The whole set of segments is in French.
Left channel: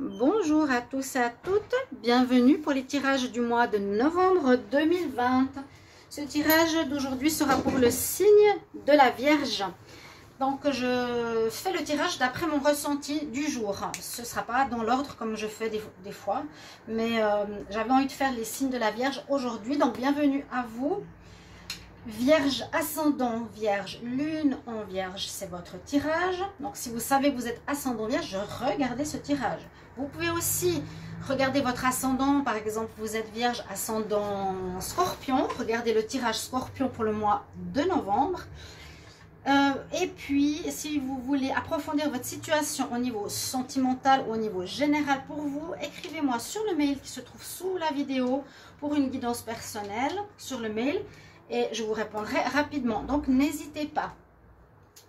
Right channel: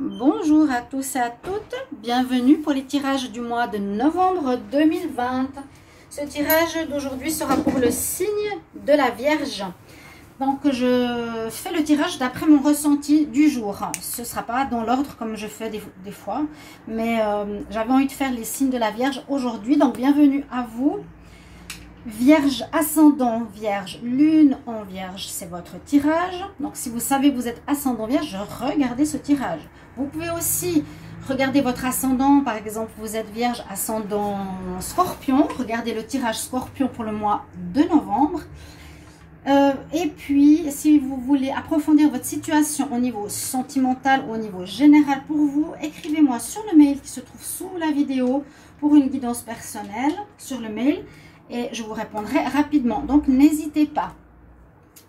Bonjour à tous et à toutes, bienvenue pour les tirages du mois de novembre 2020. Ce tirage d'aujourd'hui sera pour le signe de la Vierge. Donc je fais le tirage d'après mon ressenti du jour. Ce ne sera pas dans l'ordre comme je fais des fois, mais j'avais envie de faire les signes de la Vierge aujourd'hui. Donc bienvenue à vous. Vierge, ascendant Vierge, lune en Vierge, c'est votre tirage. Donc si vous savez que vous êtes ascendant Vierge, regardez ce tirage. Vous pouvez aussi regarder votre ascendant, par exemple vous êtes Vierge, ascendant Scorpion. Regardez le tirage Scorpion pour le mois de novembre. Et puis si vous voulez approfondir votre situation au niveau sentimental, au niveau général pour vous, écrivez-moi sur le mail qui se trouve sous la vidéo pour une guidance personnelle sur le mail. Et je vous répondrai rapidement. Donc, n'hésitez pas.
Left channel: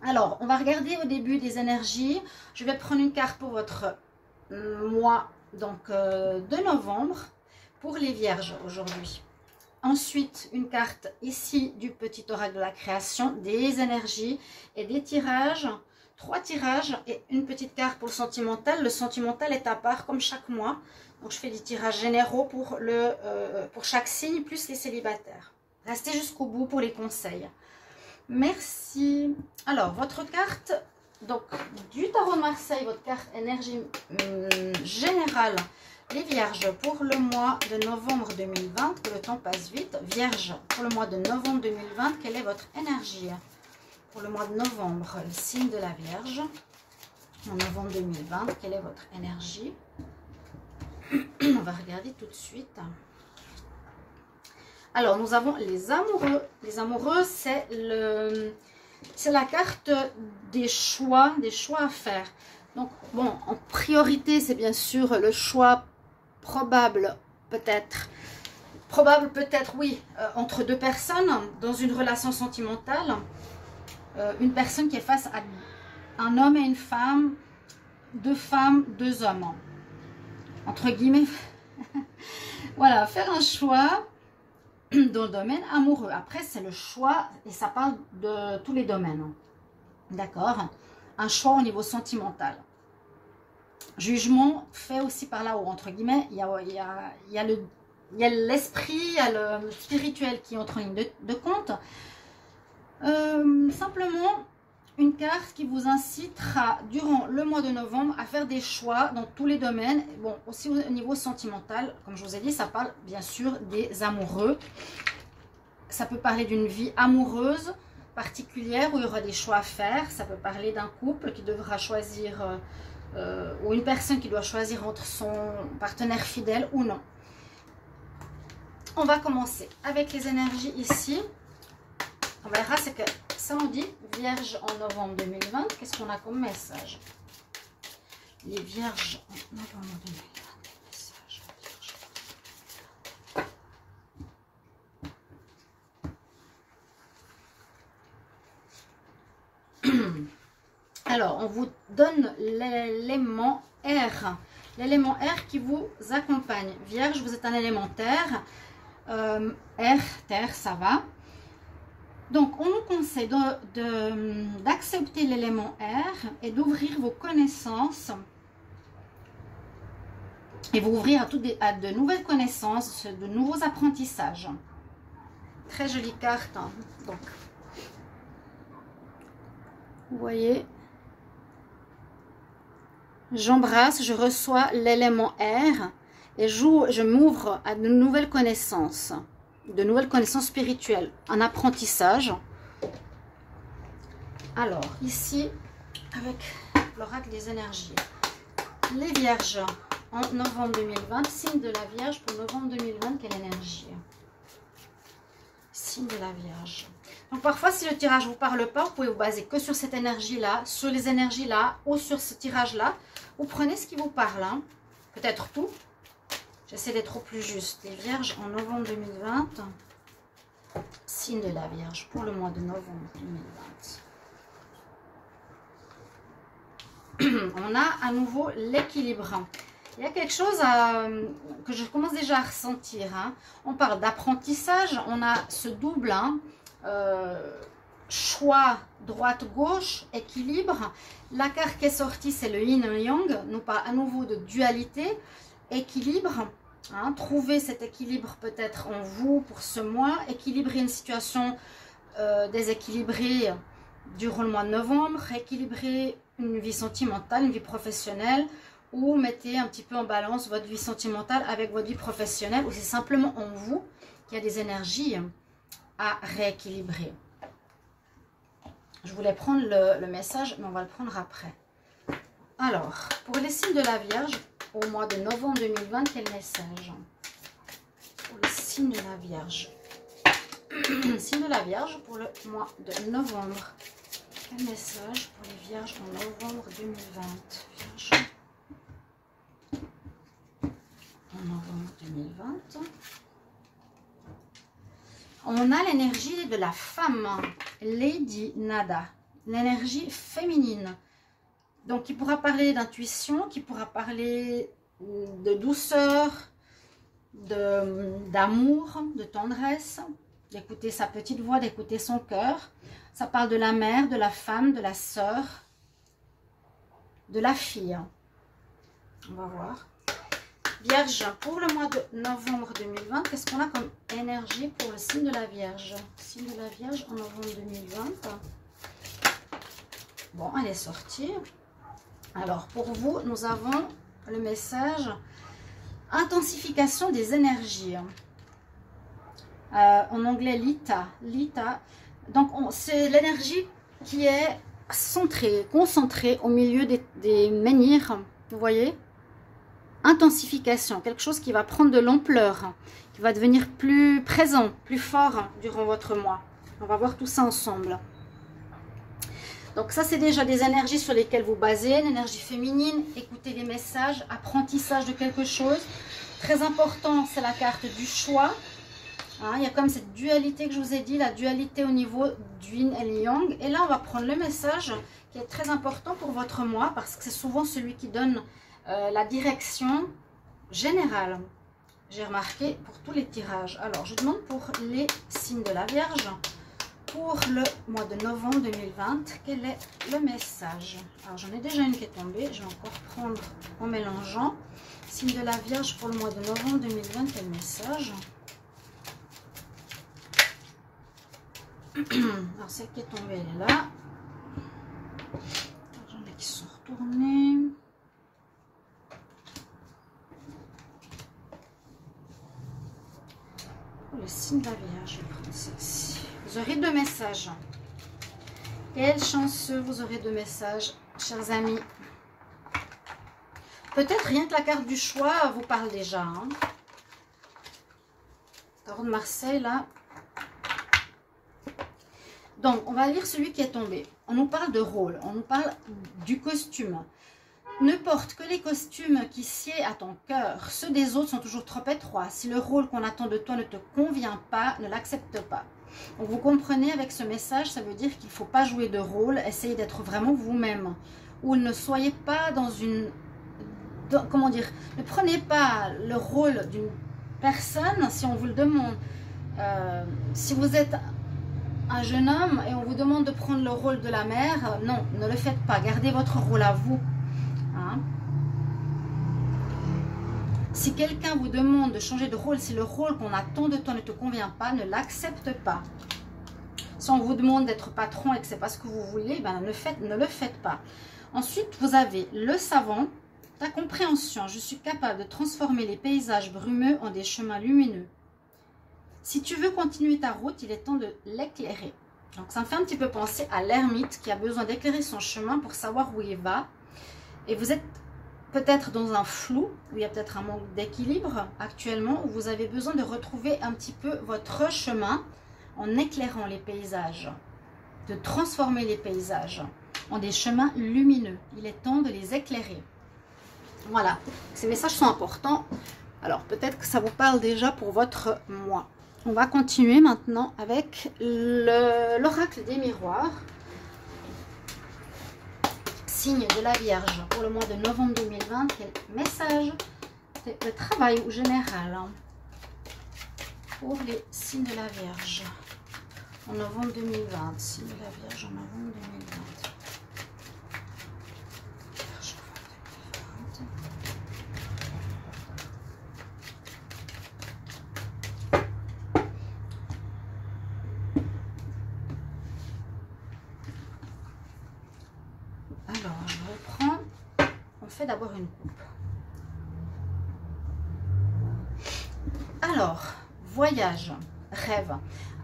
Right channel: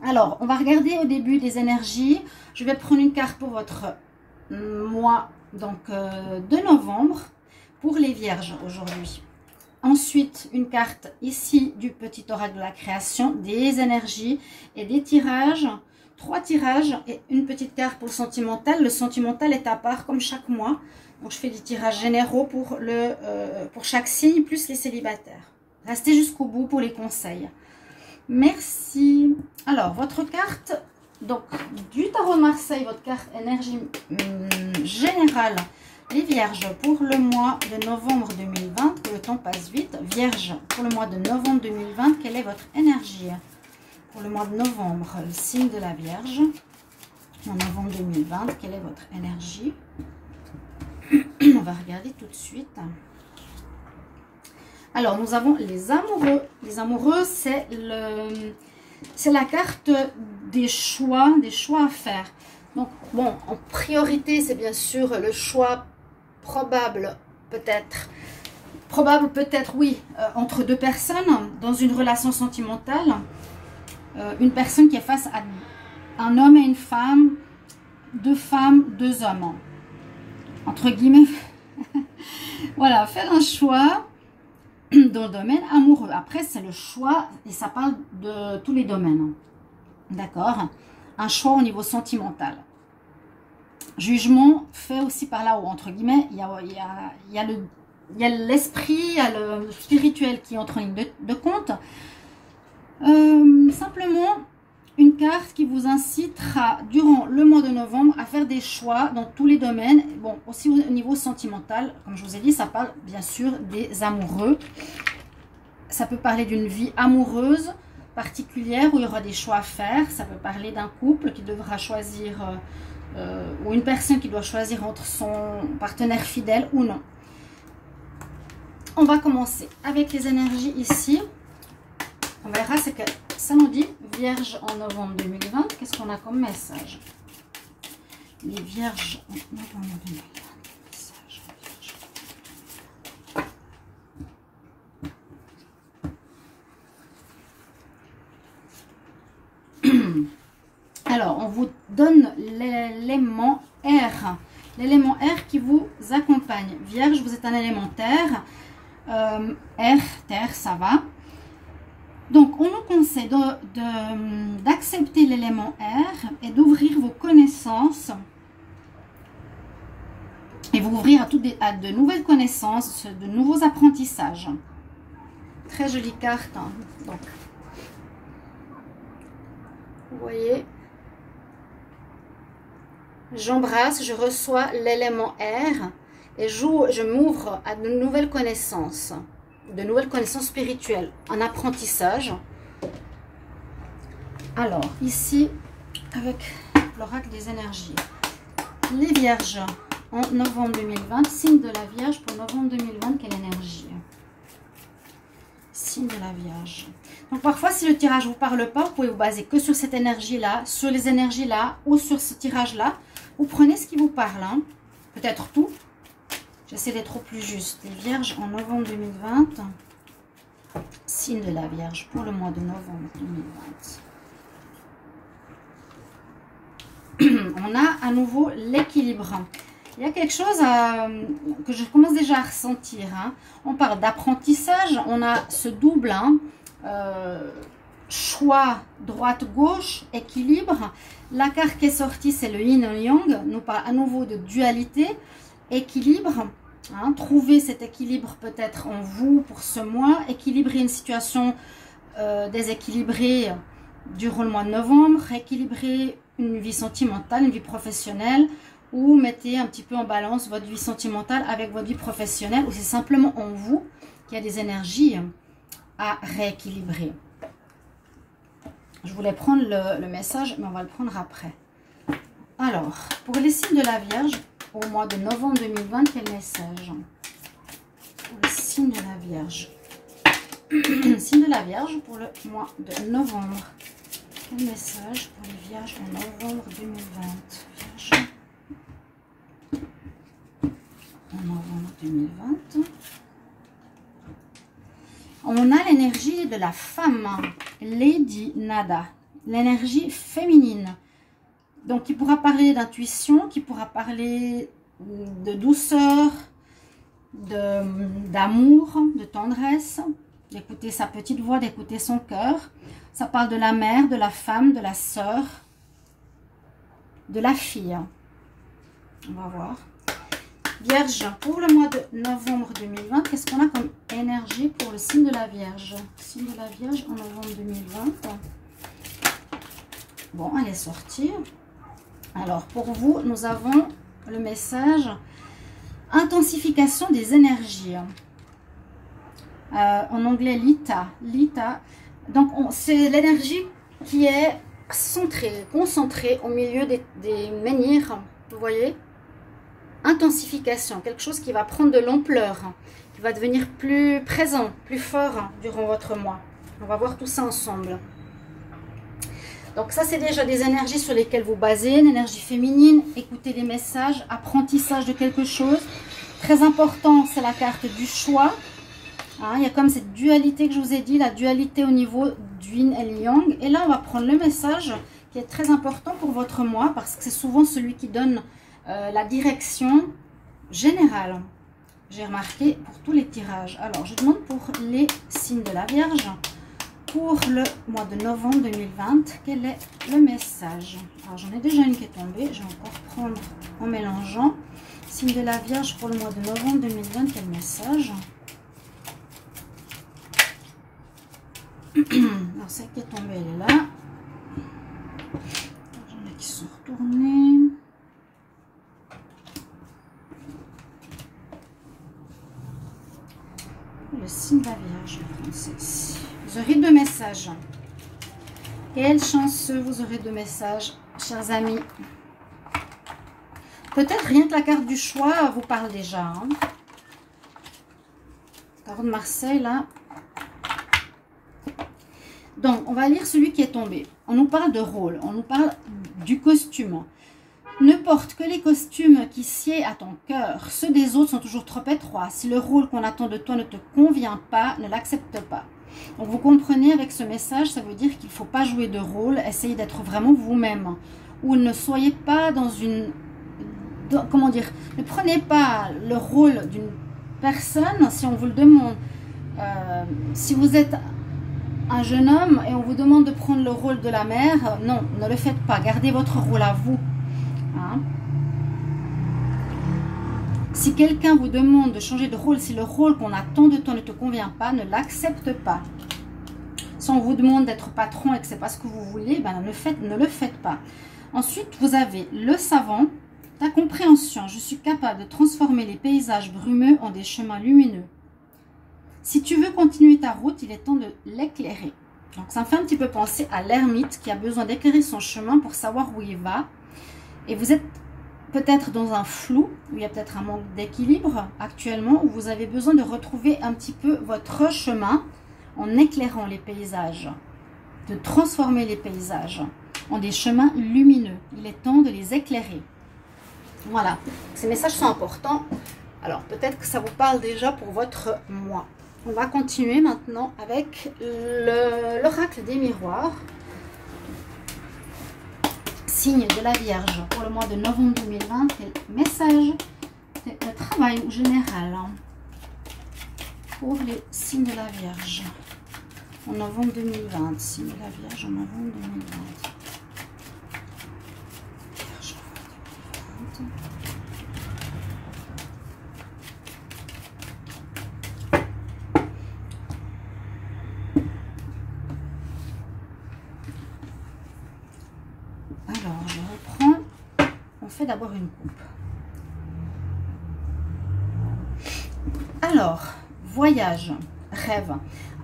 Alors, on va regarder au début des énergies. Je vais prendre une carte pour votre mois de novembre pour les Vierges aujourd'hui. Ensuite, une carte ici du petit oracle de la création, des énergies et des tirages. 3 tirages et une petite carte pour le sentimental. Le sentimental est à part comme chaque mois. Donc, je fais des tirages généraux pour chaque signe plus les célibataires. Restez jusqu'au bout pour les conseils. Merci. Alors, votre carte, donc du tarot de Marseille, votre carte énergie générale, les Vierges pour le mois de novembre 2020, que le temps passe vite. Vierge pour le mois de novembre 2020, quelle est votre énergie pour le mois de novembre, le signe de la Vierge, en novembre 2020, quelle est votre énergie? On va regarder tout de suite. Alors, nous avons les amoureux. Les amoureux, c'est la carte des choix à faire. Donc, bon, en priorité, c'est bien sûr le choix probable, peut-être, oui, entre 2 personnes dans une relation sentimentale. Une personne qui est face à un homme et une femme, 2 femmes, 2 hommes. Entre guillemets, voilà, faire un choix dans le domaine amoureux. Après, c'est le choix et ça parle de tous les domaines. D'accord? Un choix au niveau sentimental. Jugement fait aussi par là-haut, entre guillemets. Il y a l'esprit, il y a le spirituel qui entre en ligne de compte. Simplement, une carte qui vous incitera durant le mois de novembre à faire des choix dans tous les domaines. Bon, aussi au niveau sentimental, comme je vous ai dit, ça parle bien sûr des amoureux. Ça peut parler d'une vie amoureuse particulière où il y aura des choix à faire. Ça peut parler d'un couple qui devra choisir, ou une personne qui doit choisir entre son partenaire fidèle ou non. On va commencer avec les énergies ici. On verra, c'est que ça nous dit Vierge en novembre 2020. Qu'est-ce qu'on a comme message? Les Vierges en novembre 2020. Message. Alors, on vous donne l'élément R. L'élément R qui vous accompagne. Vierge, vous êtes un élément terre. R, terre, ça va. Donc, on nous conseille d'accepter l'élément R et d'ouvrir vos connaissances et vous ouvrir à de nouvelles connaissances, de nouveaux apprentissages. Très jolie carte. Hein. Donc, vous voyez, j'embrasse, je reçois l'élément R et je m'ouvre à de nouvelles connaissances. De nouvelles connaissances spirituelles, un apprentissage. Alors, ici, avec l'oracle des énergies, les Vierges en novembre 2020, signe de la Vierge pour novembre 2020, quelle énergie? Signe de la Vierge. Donc, parfois, si le tirage ne vous parle pas, vous pouvez vous baser que sur cette énergie-là, sur les énergies-là, ou sur ce tirage-là. Vous prenez ce qui vous parle, hein. Peut-être tout. J'essaie d'être au plus juste. Les Vierges en novembre 2020. Signe de la Vierge pour le mois de novembre 2020. On a à nouveau l'équilibre. Il y a quelque chose que je commence déjà à ressentir. Hein. On parle d'apprentissage. On a ce double. Hein, choix droite-gauche, équilibre. La carte qui est sortie, c'est le yin et le yang. Nous parle à nouveau de dualité, équilibre. Hein, trouver cet équilibre peut-être en vous pour ce mois. Équilibrer une situation déséquilibrée durant le mois de novembre. Équilibrer une vie sentimentale, une vie professionnelle. Ou mettez un petit peu en balance votre vie sentimentale avec votre vie professionnelle. Ou c'est simplement en vous qu'il y a des énergies à rééquilibrer. Je voulais prendre le message, mais on va le prendre après. Alors, pour les signes de la Vierge, au mois de novembre 2020, quel message? Pour les signes de la Vierge. Signe de la Vierge pour le mois de novembre. Quel message pour les Vierges en novembre 2020? Vierge. En novembre 2020. On a l'énergie de la femme, Lady Nada, l'énergie féminine. Donc, qui pourra parler d'intuition, qui pourra parler de douceur, d'amour, de tendresse, d'écouter sa petite voix, d'écouter son cœur. Ça parle de la mère, de la femme, de la sœur, de la fille. On va voir. Vierge, pour le mois de novembre 2020, qu'est-ce qu'on a comme énergie pour le signe de la Vierge? Signe de la Vierge en novembre 2020. Bon, elle est sortie. Alors, pour vous, nous avons le message intensification des énergies. En anglais, Lita. Lita. Donc, c'est l'énergie qui est centrée, concentrée au milieu des menhirs. Vous voyez? Intensification, quelque chose qui va prendre de l'ampleur, qui va devenir plus présent, plus fort durant votre mois. On va voir tout ça ensemble. Donc ça, c'est déjà des énergies sur lesquelles vous basez, une énergie féminine, écoutez les messages, apprentissage de quelque chose. Très important, c'est la carte du choix. Hein, il y a comme cette dualité que je vous ai dit, la dualité au niveau du yin et le yang. Et là, on va prendre le message qui est très important pour votre mois, parce que c'est souvent celui qui donne la direction générale. J'ai remarqué pour tous les tirages. Alors, je demande pour les signes de la Vierge. Pour le mois de novembre 2020, quel est le message? Alors, j'en ai déjà une qui est tombée. Je vais encore prendre en mélangeant. Signe de la Vierge pour le mois de novembre 2020, quel message? Alors, celle qui est tombée, elle est là. J'en ai qui sont retournés. Le signe de la Vierge, je vais prendre celle-ci. Vous aurez 2 messages. Quelle chance vous aurez 2 messages, chers amis. Peut-être rien que la carte du choix vous parle déjà. Hein. Tarot de Marseille, là. Donc, on va lire celui qui est tombé. On nous parle de rôle, on nous parle du costume. Ne porte que les costumes qui sied à ton cœur. Ceux des autres sont toujours trop étroits. Si le rôle qu'on attend de toi ne te convient pas, ne l'accepte pas. Donc vous comprenez avec ce message, ça veut dire qu'il ne faut pas jouer de rôle. Essayez d'être vraiment vous-même. Ou ne soyez pas dans une... comment dire? Ne prenez pas le rôle d'une personne si on vous le demande. Si vous êtes un jeune homme et on vous demande de prendre le rôle de la mère, non, ne le faites pas. Gardez votre rôle à vous. Hein? Si quelqu'un vous demande de changer de rôle, si le rôle qu'on attend de toi ne te convient pas, ne l'accepte pas. Si on vous demande d'être patron et que ce n'est pas ce que vous voulez, ben ne le faites pas. Ensuite, vous avez le savant, la compréhension. Je suis capable de transformer les paysages brumeux en des chemins lumineux. Si tu veux continuer ta route, il est temps de l'éclairer. Donc, ça me fait un petit peu penser à l'ermite qui a besoin d'éclairer son chemin pour savoir où il va. Et vous êtes peut-être dans un flou, où il y a peut-être un manque d'équilibre actuellement, où vous avez besoin de retrouver un petit peu votre chemin en éclairant les paysages, de transformer les paysages en des chemins lumineux. Il est temps de les éclairer. Voilà, ces messages sont importants. Alors, peut-être que ça vous parle déjà pour votre mois. On va continuer maintenant avec l'oracle des miroirs. Signe de la Vierge pour le mois de novembre 2020. Quel message de travail ou général hein, pour les signes de la Vierge en novembre 2020. Signe de la Vierge en novembre 2020. Alors, je reprends. On fait d'abord une coupe. Alors, voyage, rêve.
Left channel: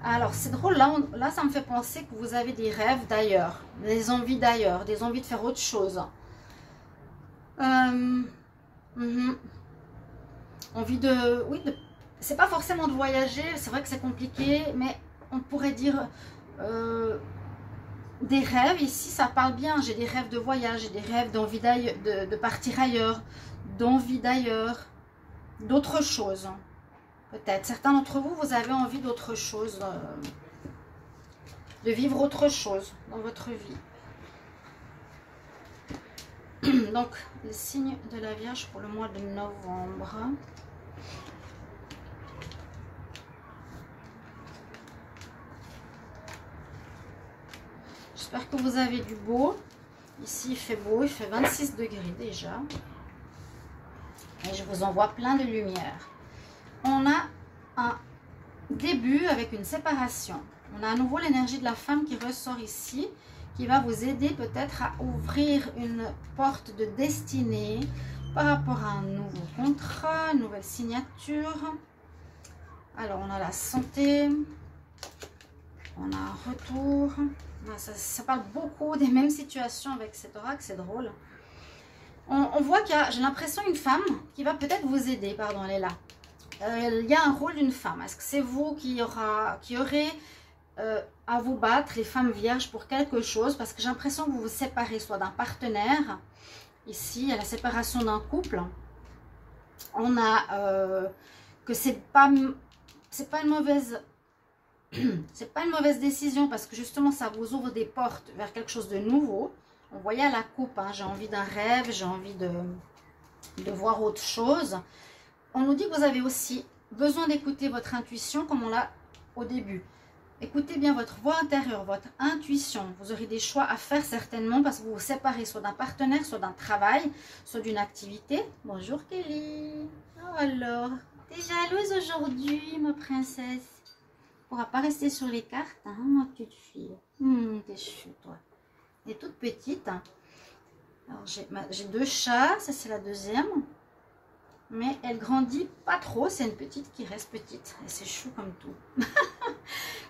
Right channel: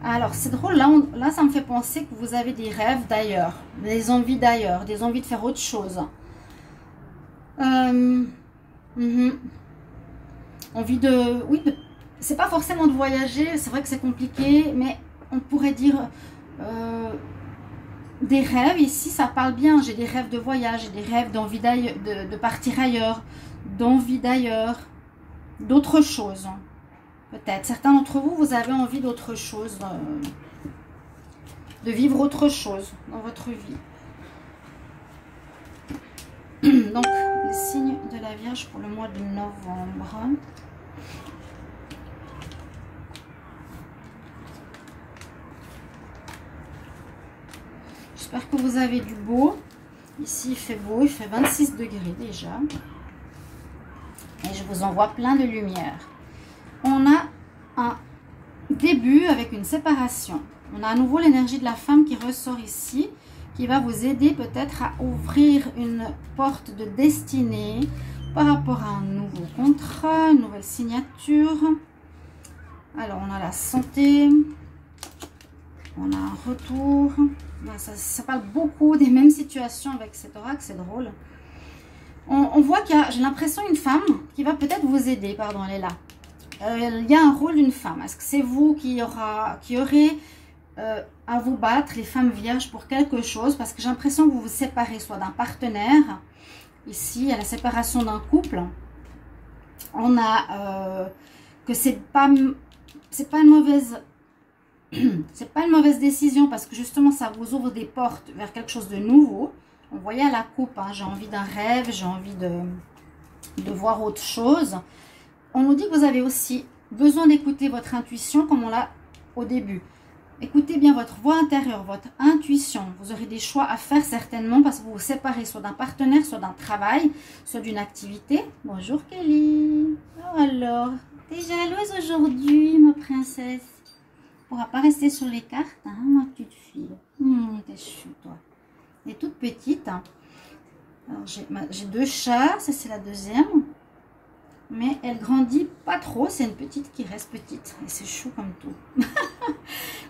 Alors, c'est drôle, là, ça me fait penser que vous avez des rêves d'ailleurs, des envies d'ailleurs, des envies de faire autre chose. Envie de... Oui, c'est pas forcément de voyager, c'est vrai que c'est compliqué, mais on pourrait dire... des rêves, ici ça parle bien, j'ai des rêves de voyage, j'ai des rêves d'envie de partir ailleurs, d'envie d'ailleurs, d'autre chose. Peut-être, certains d'entre vous, vous avez envie d'autre chose, de vivre autre chose dans votre vie. Donc, le signe de la Vierge pour le mois de novembre. J'espère que vous avez du beau. Ici, il fait beau, il fait 26 degrés déjà. Et je vous envoie plein de lumière. On a un début avec une séparation. On a à nouveau l'énergie de la femme qui ressort ici, qui va vous aider peut-être à ouvrir une porte de destinée par rapport à un nouveau contrat, une nouvelle signature. Alors, on a la santé. On a un retour. Ça parle beaucoup des mêmes situations avec cet oracle, c'est drôle. On voit qu'il y a, j'ai l'impression, une femme qui va peut-être vous aider. Pardon, elle est là. Il y a un rôle d'une femme. Est-ce que c'est vous qui aurez à vous battre, les femmes vierges, pour quelque chose? Parce que j'ai l'impression que vous vous séparez soit d'un partenaire. Ici, il y a la séparation d'un couple. On a que c'est pas une mauvaise... C'est pas une mauvaise décision parce que justement ça vous ouvre des portes vers quelque chose de nouveau. On voyait à la coupe, hein, j'ai envie d'un rêve, j'ai envie de voir autre chose. On nous dit que vous avez aussi besoin d'écouter votre intuition comme on l'a au début. Écoutez bien votre voix intérieure, votre intuition. Vous aurez des choix à faire certainement parce que vous vous séparez soit d'un partenaire, soit d'un travail, soit d'une activité. Bonjour Kelly. Oh alors, t'es jalouse aujourd'hui ma princesse? Tu ne pourras pas rester sur les cartes, hein, ma petite fille. T'es chou, toi. Elle est toute petite. Hein. J'ai deux chats, ça c'est la deuxième. Mais elle grandit pas trop, c'est une petite qui reste petite. Et c'est chou comme tout.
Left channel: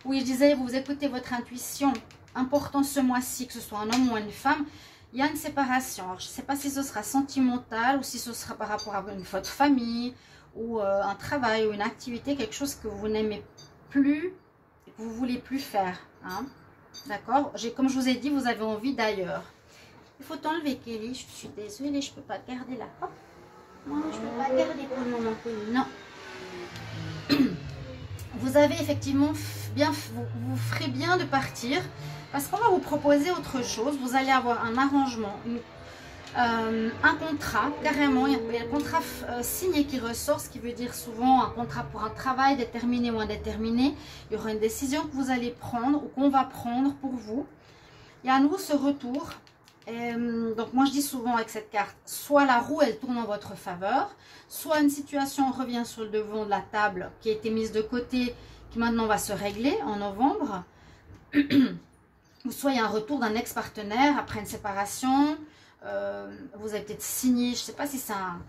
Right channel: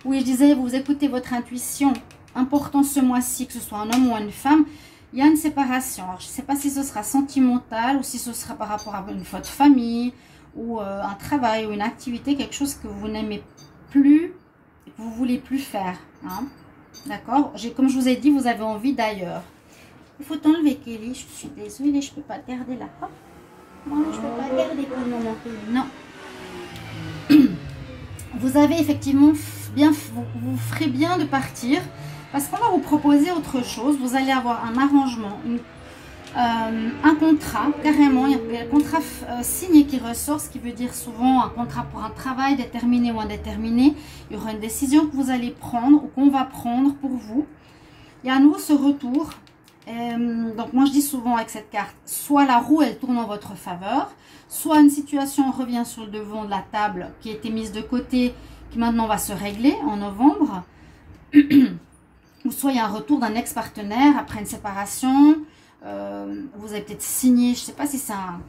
Oui, je disais, vous écoutez votre intuition. Important ce mois-ci, que ce soit un homme ou une femme, il y a une séparation. Alors, je ne sais pas si ce sera sentimental ou si ce sera par rapport à une faute de famille ou un travail ou une activité, quelque chose que vous n'aimez plus, que vous voulez plus faire, hein. D'accord, comme je vous ai dit, vous avez envie d'ailleurs. Il faut t'enlever Kelly, je suis désolée, je peux pas te garder là. Non, je peux pas te garder pour le moment Kelly, non. Vous avez effectivement bien, vous ferez bien de partir parce qu'on va vous proposer autre chose. Vous allez avoir un arrangement, un contrat, carrément, il y a un contrat signé qui ressort, ce qui veut dire souvent un contrat pour un travail déterminé ou indéterminé. Il y aura une décision que vous allez prendre ou qu'on va prendre pour vous. Il y a à nouveau ce retour. Donc moi je dis souvent avec cette carte, soit la roue elle tourne en votre faveur, soit une situation revient sur le devant de la table qui a été mise de côté, qui maintenant va se régler en novembre. Ou soit il y a un retour d'un ex-partenaire après une séparation. Vous avez peut-être signé, je ne sais pas si ça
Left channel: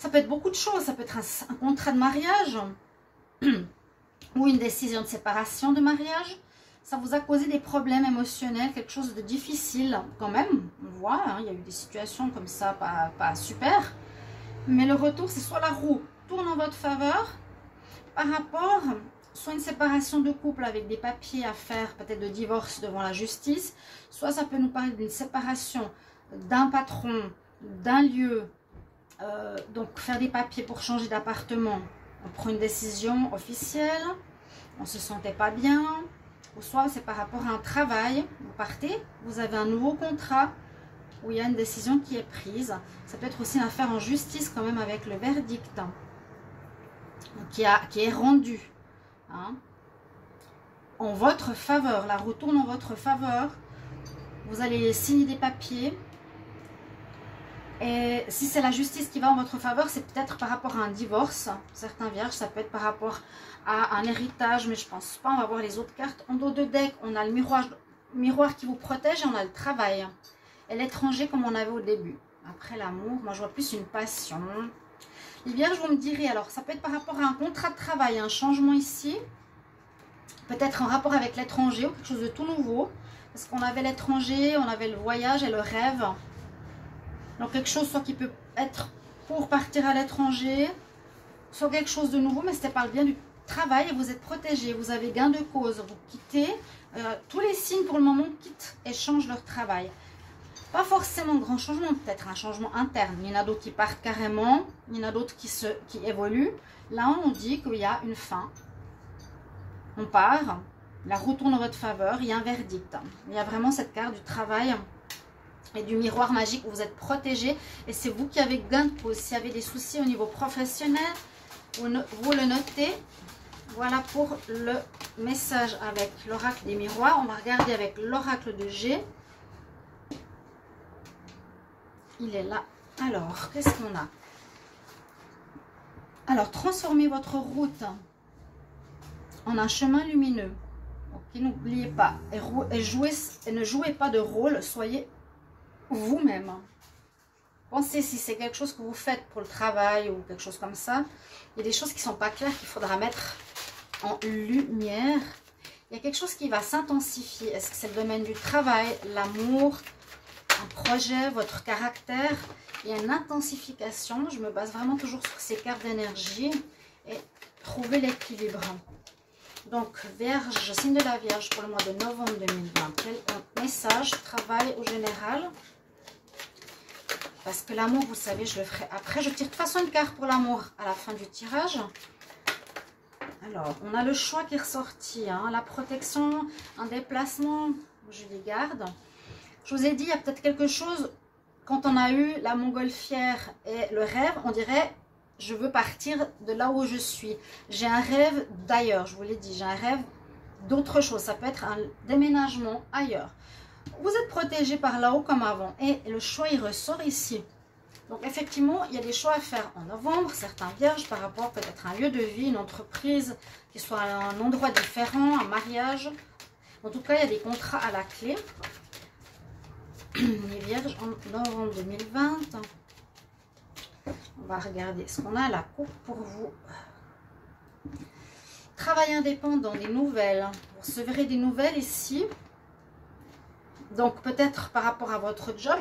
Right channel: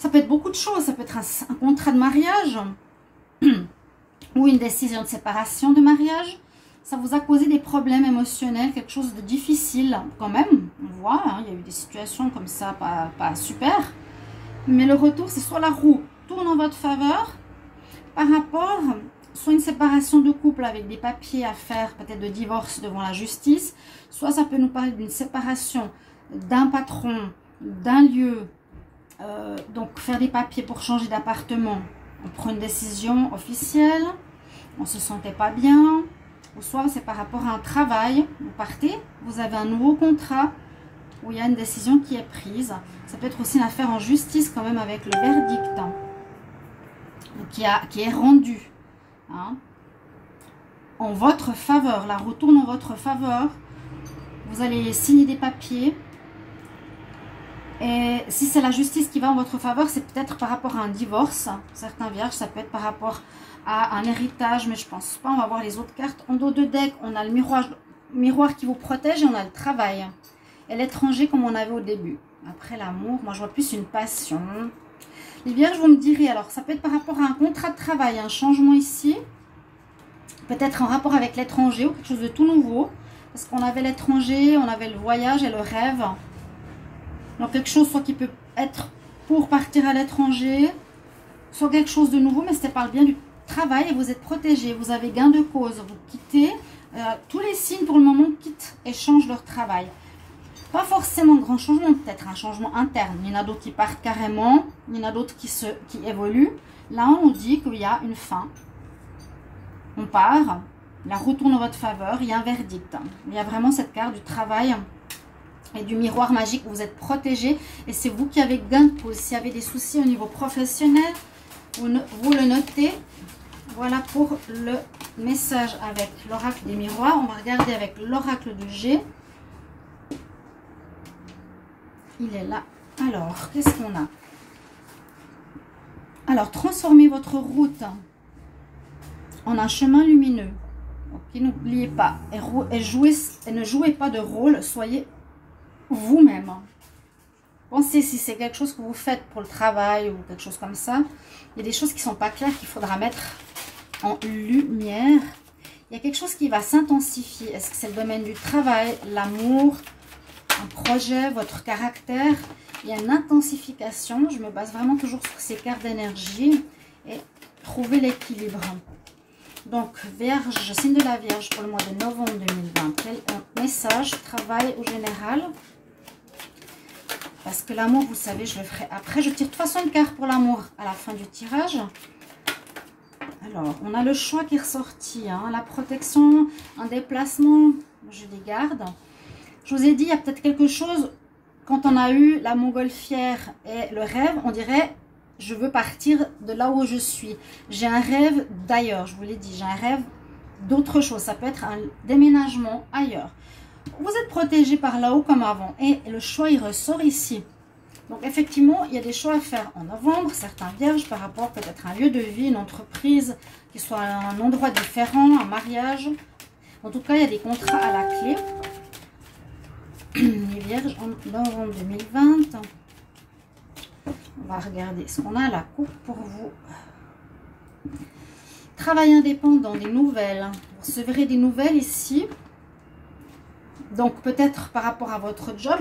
peut être beaucoup de choses, ça peut être un contrat de mariage ou une décision de séparation de mariage. Ça vous a causé des problèmes émotionnels, quelque chose de difficile quand même. On voit, hein, il y a eu des situations comme ça, pas super. Mais le retour, c'est soit la roue tourne en votre faveur par rapport, soit une séparation de couple avec des papiers à faire, peut-être de divorce devant la justice, soit ça peut nous parler d'une séparation d'un patron, d'un lieu, donc faire des papiers pour changer d'appartement, on prend une décision officielle, on ne se sentait pas bien, ou soit c'est par rapport à un travail, vous partez, vous avez un nouveau contrat où il y a une décision qui est prise. Ça peut être aussi une affaire en justice quand même avec le verdict hein, qui est rendu. Hein. en votre faveur. La roue tourne en votre faveur. Vous allez signer des papiers. Et si c'est la justice qui va en votre faveur, c'est peut-être par rapport à un divorce. Certains vierges, ça peut être par rapport à un héritage, mais je pense pas. On va voir les autres cartes. En dos de deck, on a le miroir qui vous protège et on a le travail. Et l'étranger comme on avait au début. Après l'amour, moi je vois plus une passion. Les vierges, vous me direz, alors ça peut être par rapport à un contrat de travail, un changement ici. Peut-être en rapport avec l'étranger ou quelque chose de tout nouveau. Parce qu'on avait l'étranger, on avait le voyage et le rêve. Donc quelque chose soit qui peut être pour partir à l'étranger, soit quelque chose de nouveau, mais c'était par le bien du travail et vous êtes protégé, vous avez gain de cause, vous quittez, tous les signes pour le moment quittent et changent leur travail. Pas forcément grand changement, peut-être un changement interne, il y en a d'autres qui partent carrément, il y en a d'autres qui évoluent. Là on nous dit qu'il y a une fin, on part, la roue tourne en votre faveur, il y a un verdict. Il y a vraiment cette carte du travail et du miroir magique où vous êtes protégé et c'est vous qui avez gain de cause. S'il y avait des soucis au niveau professionnel, vous le notez. Voilà pour le message avec l'oracle des miroirs. On va regarder avec l'oracle de G. Il est là. Alors, qu'est-ce qu'on a? Alors, transformez votre route en un chemin lumineux. Donc, n'oubliez pas, et ne jouez pas de rôle, soyez vous-même. Pensez si c'est quelque chose que vous faites pour le travail ou quelque chose comme ça. Il y a des choses qui ne sont pas claires qu'il faudra mettre en lumière. Il y a quelque chose qui va s'intensifier. Est-ce que c'est le domaine du travail, l'amour, un projet, votre caractère? Il y a une intensification. Je me base vraiment toujours sur ces cartes d'énergie et trouver l'équilibre. Donc, Vierge, signe de la Vierge pour le mois de novembre 2020. Quel message, travail au général? Parce que l'amour, vous savez, je le ferai après. Je tire de toute façon une carte pour l'amour à la fin du tirage. Alors, on a le choix qui est ressorti. Hein, la protection, un déplacement, je les garde. Je vous ai dit, il y a peut-être quelque chose, quand on a eu la montgolfière et le rêve, on dirait, je veux partir de là où je suis. J'ai un rêve d'ailleurs, je vous l'ai dit, j'ai un rêve d'autre chose. Ça peut être un déménagement ailleurs. Vous êtes protégé par là-haut comme avant. Et le choix, il ressort ici. Donc, effectivement, il y a des choix à faire en novembre. Certains vierges par rapport peut-être à un lieu de vie, une entreprise, qui soit un endroit différent, un mariage. En tout cas, il y a des contrats à la clé. Les vierges en novembre 2020. On va regarder ce qu'on a à la coupe pour vous. Travail indépendant, des nouvelles. Vous recevrez des nouvelles ici. Donc, peut-être par rapport à votre job,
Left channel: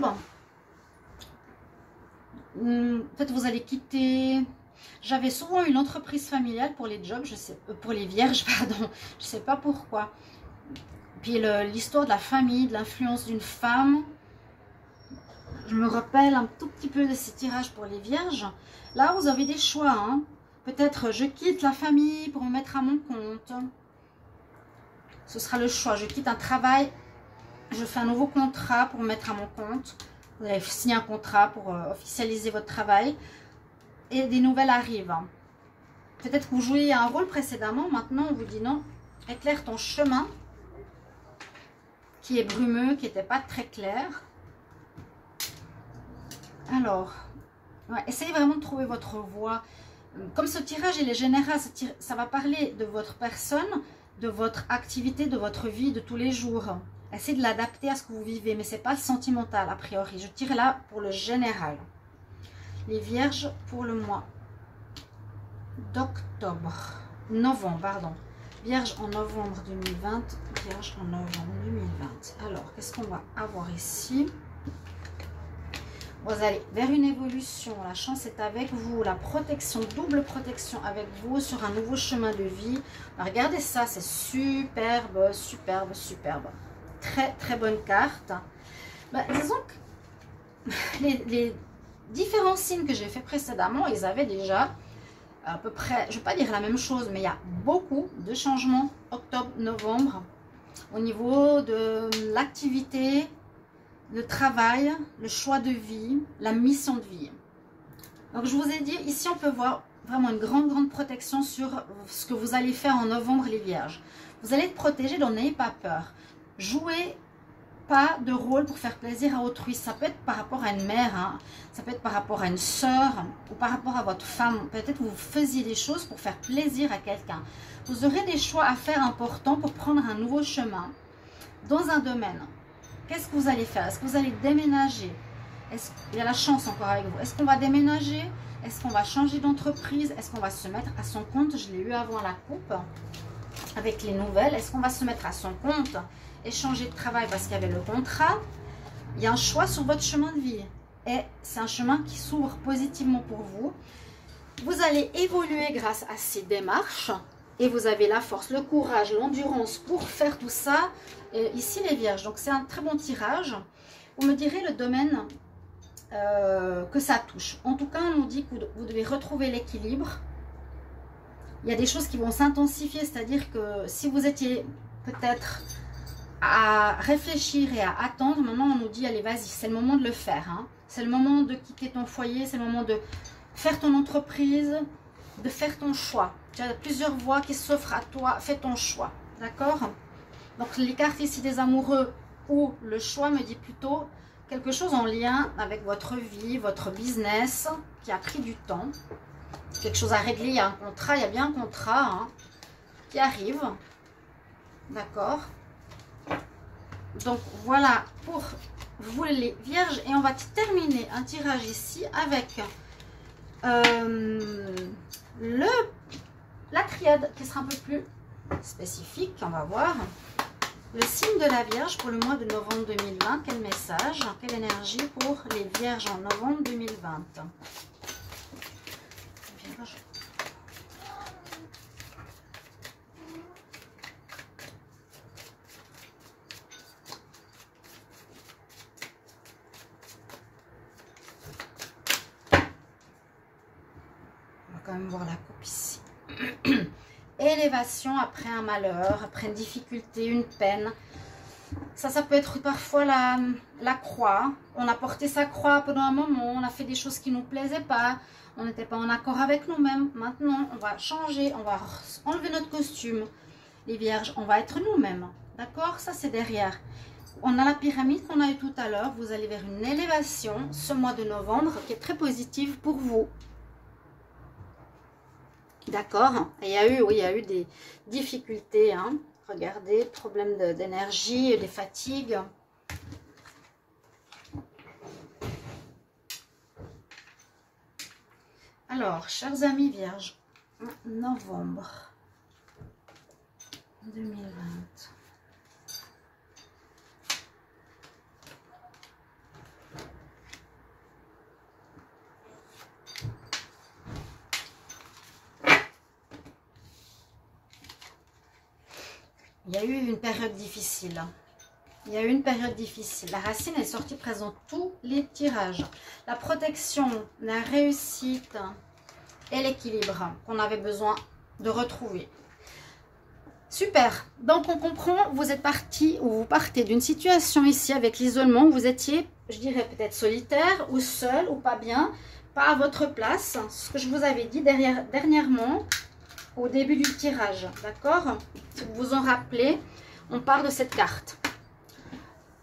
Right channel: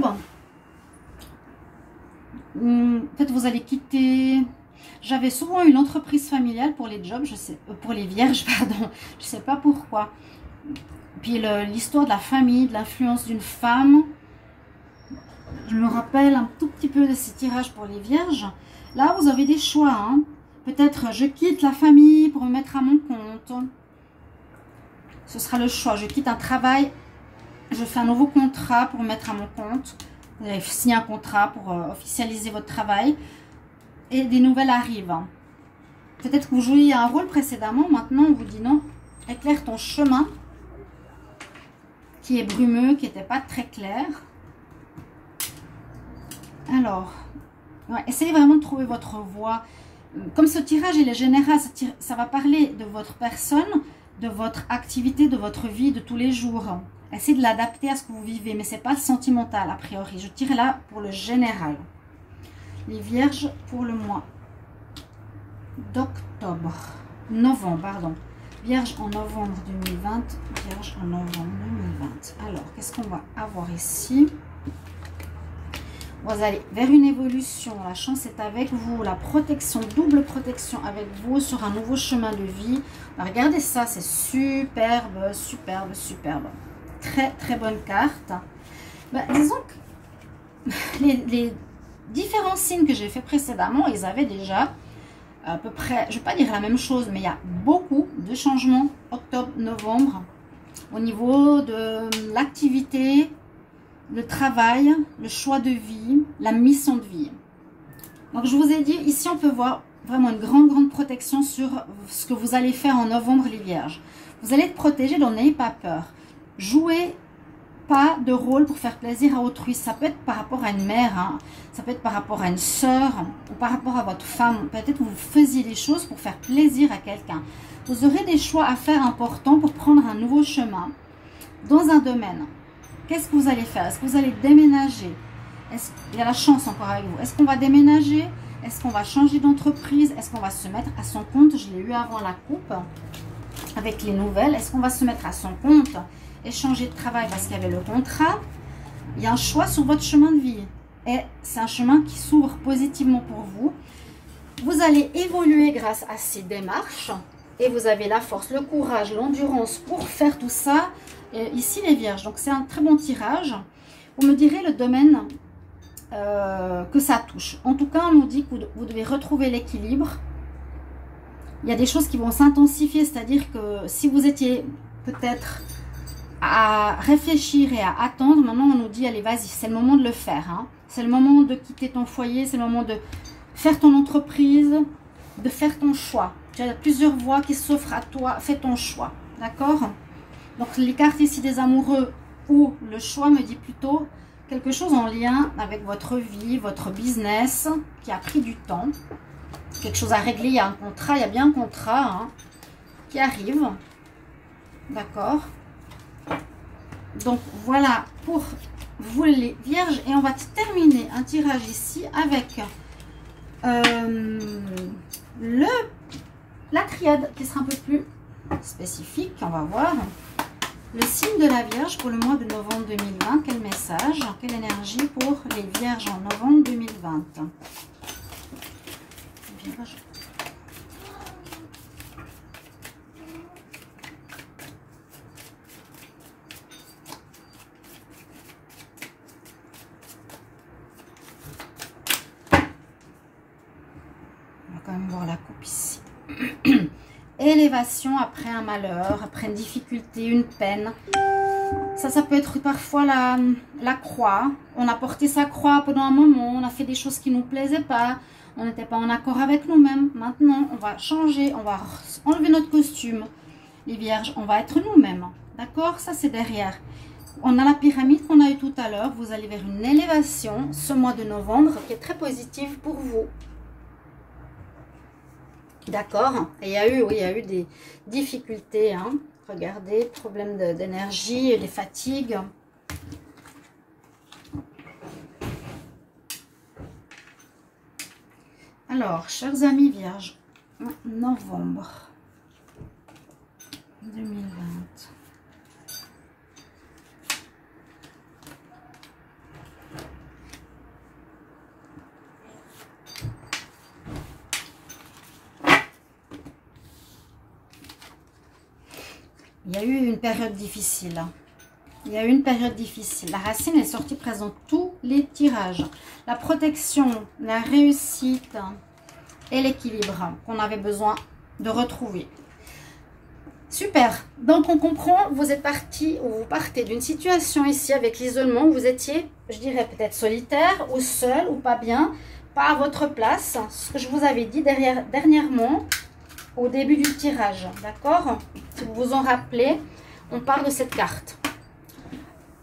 peut-être vous allez quitter. J'avais souvent une entreprise familiale pour les jobs, je sais, pour les vierges, pardon. Je ne sais pas pourquoi. Puis l'histoire de la famille, de l'influence d'une femme. Je me rappelle un tout petit peu de ces tirages pour les vierges. Là, vous avez des choix. Hein. Peut-être je quitte la famille pour me mettre à mon compte. Ce sera le choix. Je quitte un travail. Je fais un nouveau contrat pour me mettre à mon compte. Vous avez signé un contrat pour officialiser votre travail. Et des nouvelles arrivent. Peut-être que vous jouiez un rôle précédemment. Maintenant, on vous dit non. Éclaire ton chemin. Qui est brumeux, qui n'était pas très clair. Alors, ouais, essayez vraiment de trouver votre voie. Comme ce tirage, il est général. Ça va parler de votre personne, de votre activité, de votre vie de tous les jours. Essayez de l'adapter à ce que vous vivez, mais ce n'est pas sentimental a priori. Je tire là pour le général. Les vierges pour le mois d'octobre. Novembre, pardon. Vierge en novembre 2020. Vierge en novembre 2020. Alors, qu'est-ce qu'on va avoir ici? Vous allez vers une évolution. La chance est avec vous. La protection, double protection avec vous sur un nouveau chemin de vie. Alors, regardez ça, c'est superbe, superbe, superbe. Très, très bonne carte. Ben, disons que les différents signes que j'ai fait précédemment, ils avaient déjà à peu près, je ne vais pas dire la même chose, mais il y a beaucoup de changements octobre, novembre au niveau de l'activité, le travail, le choix de vie, la mission de vie. Donc je vous ai dit, ici on peut voir vraiment une grande protection sur ce que vous allez faire en novembre les vierges. Vous allez être protégé, donc n'ayez pas peur. Jouez pas de rôle pour faire plaisir à autrui. Ça peut être par rapport à une mère, hein. Ça peut être par rapport à une soeur ou par rapport à votre femme. Peut-être que vous faisiez des choses pour faire plaisir à quelqu'un. Vous aurez des choix à faire importants pour prendre un nouveau chemin dans un domaine. Qu'est-ce que vous allez faire? Est-ce que vous allez déménager? Il y a la chance encore avec vous. Est-ce qu'on va déménager? Est-ce qu'on va changer d'entreprise? Est-ce qu'on va se mettre à son compte? Je l'ai eu avant la coupe avec les nouvelles. Est-ce qu'on va se mettre à son compte et changer de travail parce qu'il y avait le contrat? Il y a un choix sur votre chemin de vie. Et c'est un chemin qui s'ouvre positivement pour vous. Vous allez évoluer grâce à ces démarches. Et vous avez la force, le courage, l'endurance pour faire tout ça. Et ici, les vierges. Donc, c'est un très bon tirage. Vous me direz le domaine que ça touche. En tout cas, on nous dit que vous devez retrouver l'équilibre. Il y a des choses qui vont s'intensifier. C'est-à-dire que si vous étiez peut-être à réfléchir et à attendre, maintenant, on nous dit, allez, vas-y, c'est le moment de le faire. Hein. C'est le moment de quitter ton foyer. C'est le moment de faire ton entreprise, de faire ton choix. Tu as plusieurs voies qui s'offrent à toi. Fais ton choix. D'accord? Donc, les cartes ici des amoureux ou le choix me dit plutôt quelque chose en lien avec votre vie, votre business qui a pris du temps. Quelque chose à régler. Il y a un contrat. Il y a bien un contrat hein, qui arrive. D'accord? Donc, voilà pour vous les vierges. Et on va terminer un tirage ici avec la triade qui sera un peu plus spécifique. On va voir. Le signe de la Vierge pour le mois de novembre 2020. Quel message, quelle énergie pour les Vierges en novembre 2020. Vierge. On va quand même voir la coupe ici. Élévation après un malheur, après une difficulté, une peine. Ça peut être parfois la croix. On a porté sa croix pendant un moment, on a fait des choses qui ne nous plaisaient pas, on n'était pas en accord avec nous-mêmes. Maintenant, on va changer, on va enlever notre costume. Les vierges, on va être nous-mêmes. D'accord? Ça, c'est derrière. On a la pyramide qu'on a eu tout à l'heure. Vous allez vers une élévation ce mois de novembre qui est très positive pour vous. D'accord. Et il y a eu, oui, il y a eu des difficultés. Hein. Regardez, problème d'énergie, les fatigues. Alors, chers amis vierges, novembre 2020. Il y a eu une période difficile. Il y a eu une période difficile. La racine est sortie présente tous les tirages. La protection, la réussite et l'équilibre qu'on avait besoin de retrouver. Super. Donc, on comprend, vous êtes parti ou vous partez d'une situation ici avec l'isolement. Vous étiez, je dirais, peut-être solitaire ou seul ou pas bien, pas à votre place. Ce que je vous avais dit dernièrement au début du tirage. D'accord? Si vous vous en rappelez, on parle de cette carte.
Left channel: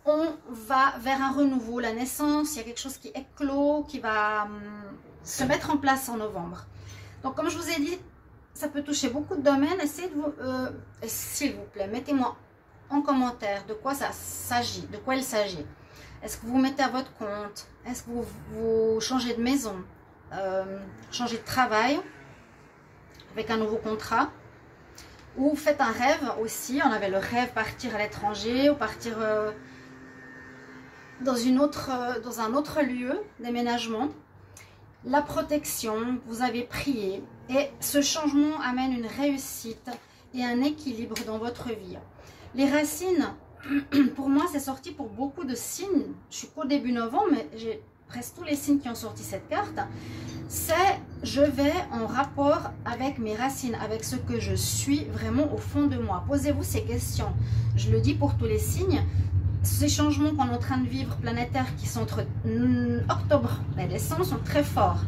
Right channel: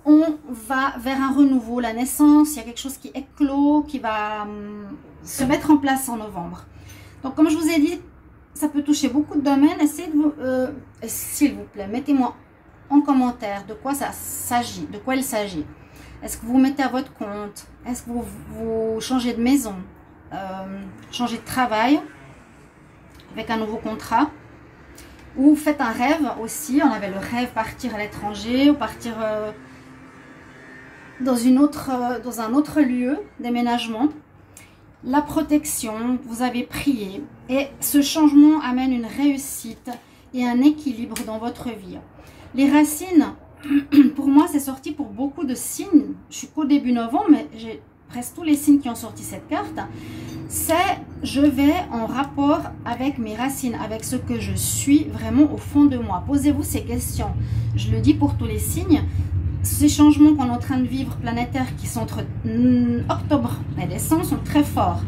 On va vers un renouveau, la naissance. Il y a quelque chose qui éclot, qui va se mettre en place en novembre. Donc, comme je vous ai dit, ça peut toucher beaucoup de domaines. Essayez de vous, s'il vous plaît, mettez-moi en commentaire de quoi ça s'agit, de quoi il s'agit. Est-ce que vous vous mettez à votre compte? Est-ce que vous changez de maison? Changez de travail avec un nouveau contrat? Ou faites un rêve aussi. On avait le rêve partir à l'étranger ou partir dans un autre lieu, déménagement. La protection, vous avez prié. Et ce changement amène une réussite et un équilibre dans votre vie. Les racines, pour moi, c'est sorti pour beaucoup de signes. Je suis qu'au début novembre, mais j'ai presque tous les signes qui ont sorti cette carte. C'est je vais en rapport avec mes racines, avec ce que je suis vraiment au fond de moi. Posez-vous ces questions. Je le dis pour tous les signes. Ces changements qu'on est en train de vivre planétaires qui sont entre octobre et décembre sont très forts.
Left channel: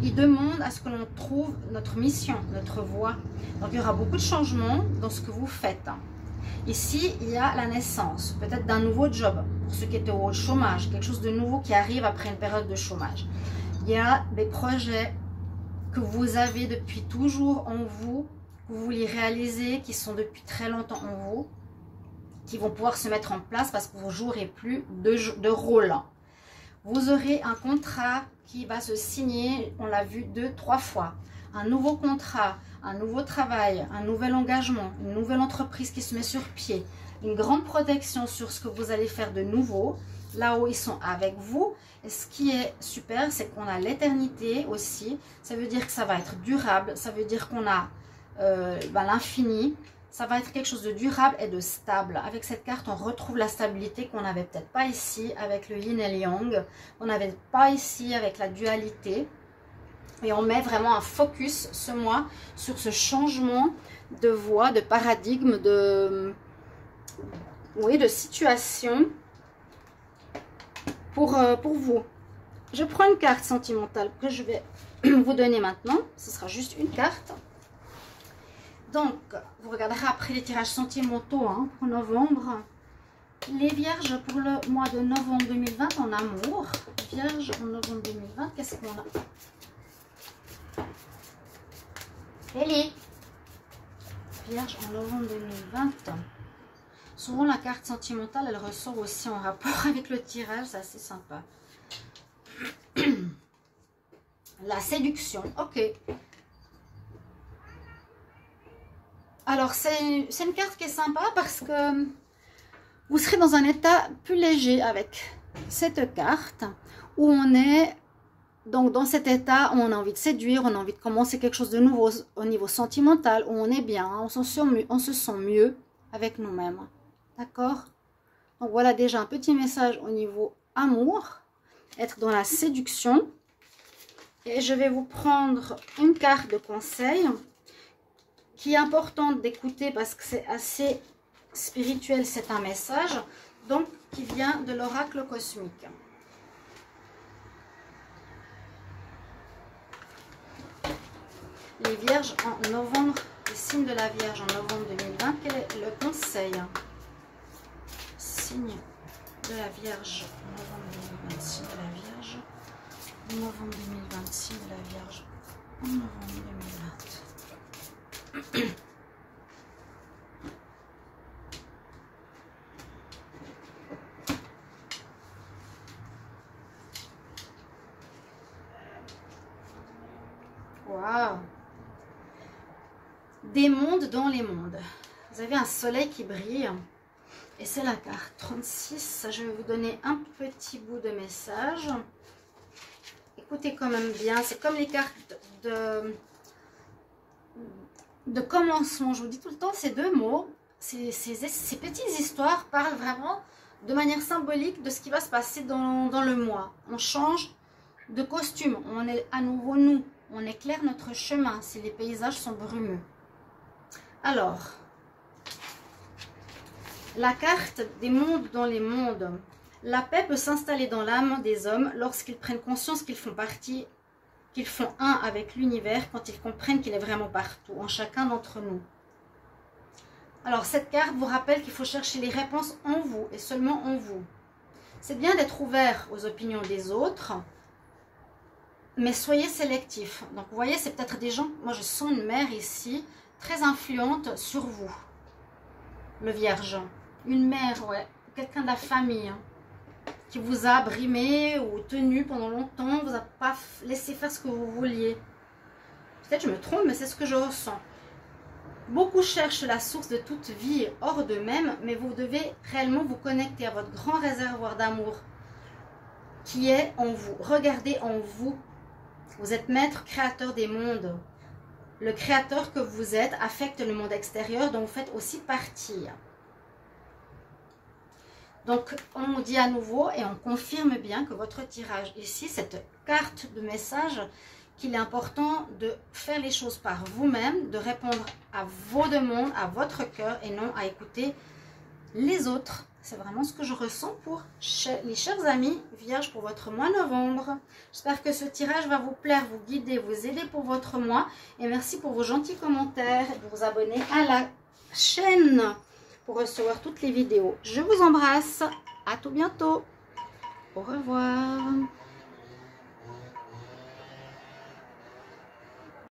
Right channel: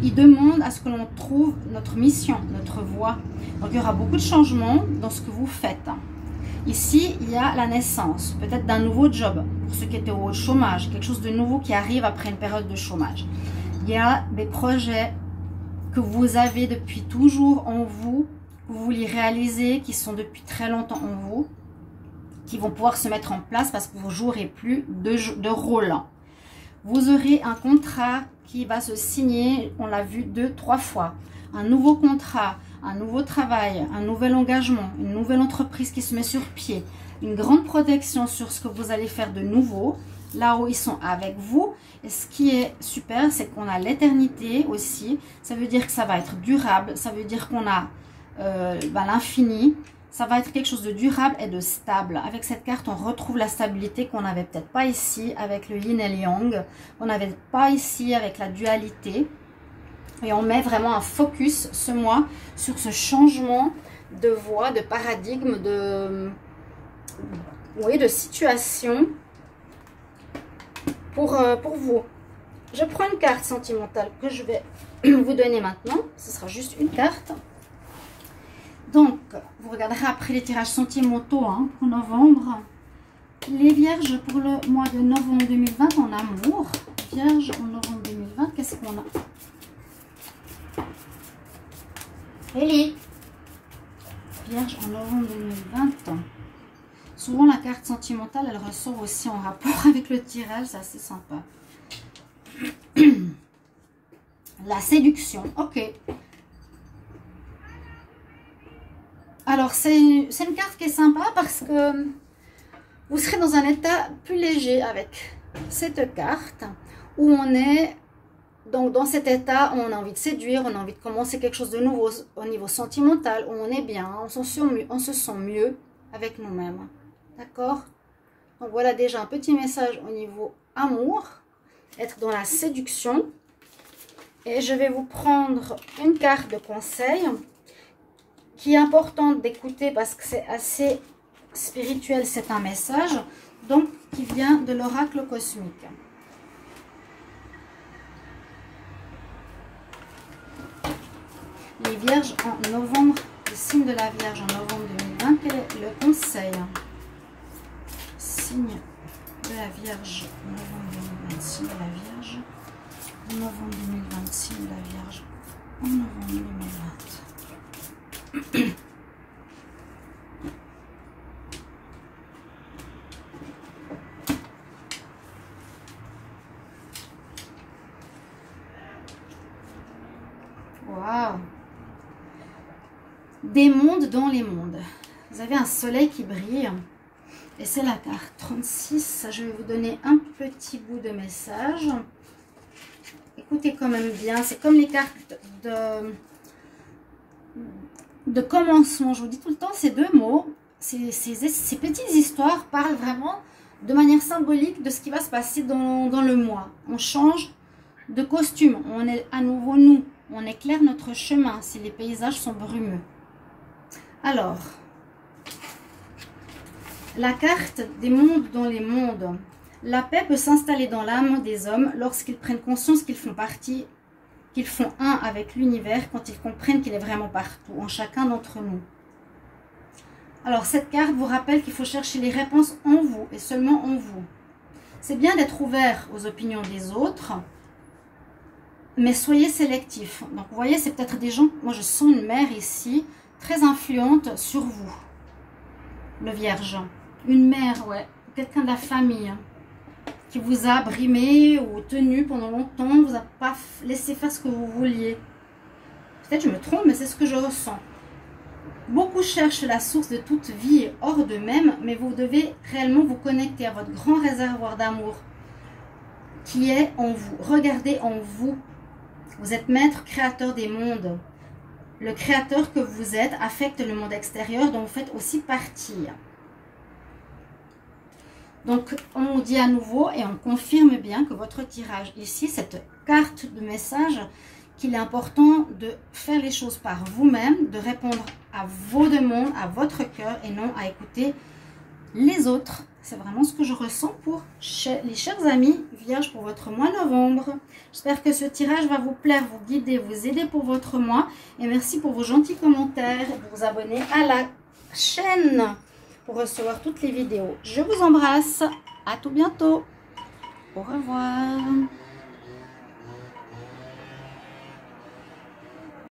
Ils demandent à ce que l'on trouve notre mission, notre voie. Donc il y aura beaucoup de changements dans ce que vous faites. Ici, il y a la naissance, peut-être d'un nouveau job, pour ceux qui étaient au chômage, quelque chose de nouveau qui arrive après une période de chômage. Il y a des projets que vous avez depuis toujours en vous, que vous voulez réaliser, qui sont depuis très longtemps en vous, qui vont pouvoir se mettre en place parce que vous ne jouerez plus de rôle. Vous aurez un contrat qui va se signer, on l'a vu 2-3 fois. Un nouveau contrat, un nouveau travail, un nouvel engagement, une nouvelle entreprise qui se met sur pied, une grande protection sur ce que vous allez faire de nouveau, là où ils sont avec vous. Et ce qui est super, c'est qu'on a l'éternité aussi. Ça veut dire que ça va être durable, ça veut dire qu'on a l'infini. Ça va être quelque chose de durable et de stable. Avec cette carte, on retrouve la stabilité qu'on n'avait peut-être pas ici avec le yin et le yang. On n'avait pas ici avec la dualité. Et on met vraiment un focus ce mois sur ce changement de voie, de paradigme, de situation pour vous. Je prends une carte sentimentale que je vais vous donner maintenant. Ce sera juste une carte. Donc, vous regarderez après les tirages sentimentaux pour novembre. Les vierges pour le mois de novembre 2020 en amour. Vierge en novembre 2020, qu'est-ce qu'on a? Ellie. Vierge en novembre 2020. Souvent, la carte sentimentale, elle ressort aussi en rapport avec le tirage. C'est assez sympa. La séduction. Ok. Alors, c'est une carte qui est sympa parce que vous serez dans un état plus léger avec cette carte où on est, donc dans cet état où on a envie de séduire, on a envie de commencer quelque chose de nouveau au niveau sentimental, où on est bien, on se sent mieux avec nous-mêmes. D'accord? Donc voilà déjà un petit message au niveau amour, être dans la séduction. Et je vais vous prendre une carte de conseil qui est importante d'écouter parce que c'est assez spirituel, c'est un message, donc qui vient de l'oracle cosmique. Les vierges en novembre, le signe de la Vierge en novembre 2020, quel est le conseil? Signe de la Vierge en novembre 2020, signe de la Vierge en novembre 2020, signe de la Vierge en novembre 2020. Waouh! Des mondes dans les mondes. Vous avez un soleil qui brille. Et c'est la carte 36. Je vais vous donner un petit bout de message. Écoutez quand même bien. C'est comme les cartes de commencement. Je vous dis tout le temps ces deux mots. Ces petites histoires parlent vraiment de manière symbolique de ce qui va se passer dans le mois. On change de costume. On est à nouveau nous. On éclaire notre chemin si les paysages sont brumeux. Alors, la carte des mondes dans les mondes. La paix peut s'installer dans l'âme des hommes lorsqu'ils prennent conscience qu'ils font partie, qu'ils font un avec l'univers, quand ils comprennent qu'il est vraiment partout, en chacun d'entre nous. Alors, cette carte vous rappelle qu'il faut chercher les réponses en vous et seulement en vous. C'est bien d'être ouvert aux opinions des autres, mais soyez sélectif. Donc, vous voyez, c'est peut-être des gens, moi je sens une mère ici, très influente sur vous. Le Vierge. Une mère, ouais. Quelqu'un de la famille. Qui vous a brimé ou tenu pendant longtemps. Vous a pas laissé faire ce que vous vouliez. Peut-être je me trompe, mais c'est ce que je ressens. Beaucoup cherchent la source de toute vie hors d'eux-mêmes, mais vous devez réellement vous connecter à votre grand réservoir d'amour qui est en vous. Regardez en vous. Vous êtes maître créateur des mondes. Le créateur que vous êtes affecte le monde extérieur dont vous faites aussi partie. Donc, on dit à nouveau et on confirme bien que votre tirage ici, cette carte de message, qu'il est important de faire les choses par vous-même, de répondre à vos demandes, à votre cœur et non à écouter les autres. C'est vraiment ce que je ressens pour les chers amis vierges pour votre mois novembre. J'espère que ce tirage va vous plaire, vous guider, vous aider pour votre mois. Et merci pour vos gentils commentaires et de vous abonner à la chaîne pour recevoir toutes les vidéos. Je vous embrasse. À tout bientôt. Au revoir.